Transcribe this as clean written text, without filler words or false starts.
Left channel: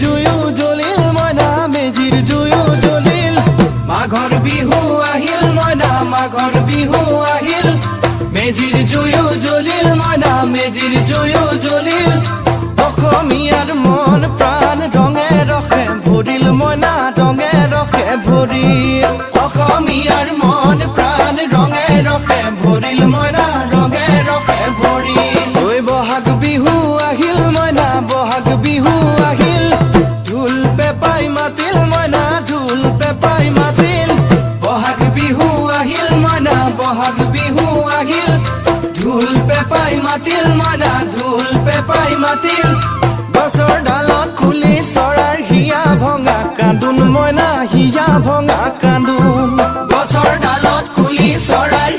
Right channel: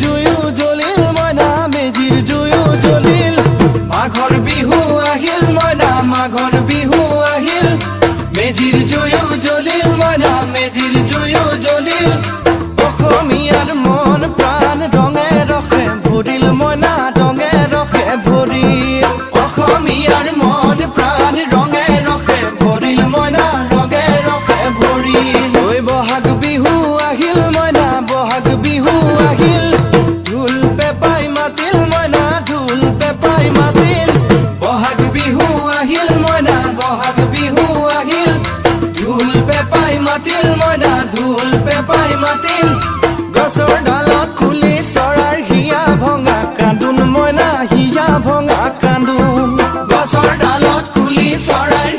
জুয়ো জ্বলিল মইনা মেজিৰ জুয়ো জ্বলিল মাঘৰ বিহু আহিল মইনা মাঘৰ বিহু আহিল মেজিৰ জুয়ো জ্বলিল মইনা মেজিৰ জুয়ো জ্বলিল অসমীয়াৰ মন প্ৰাণ ৰঙে ৰখে ভৰিল মইনা ৰঙে ৰখে ভৰিল অসমীয়াৰ মন প্ৰাণ ৰঙে ৰখে ভৰিল মইনা ৰঙে ৰখে ভৰিল ঐ বহাগ বিহু আহিল মইনা বহাগ বিহু আহিল ঢোল পেপাই মাতিল মইনা ঢোল পেপাই মাতিল বহাগ বিহু আহিল মইনা বহাগ বিহু আহিল ঢোল পেপাই মাতিল মইনা ঢোল পেপাই মাতিল গছৰ ডালত খুলি চৰাৰ হিয়া ভঙা কান্দোন মইনা হিয়া ভঙা কান্দোন গছৰ ডালত খুলি চৰাৰ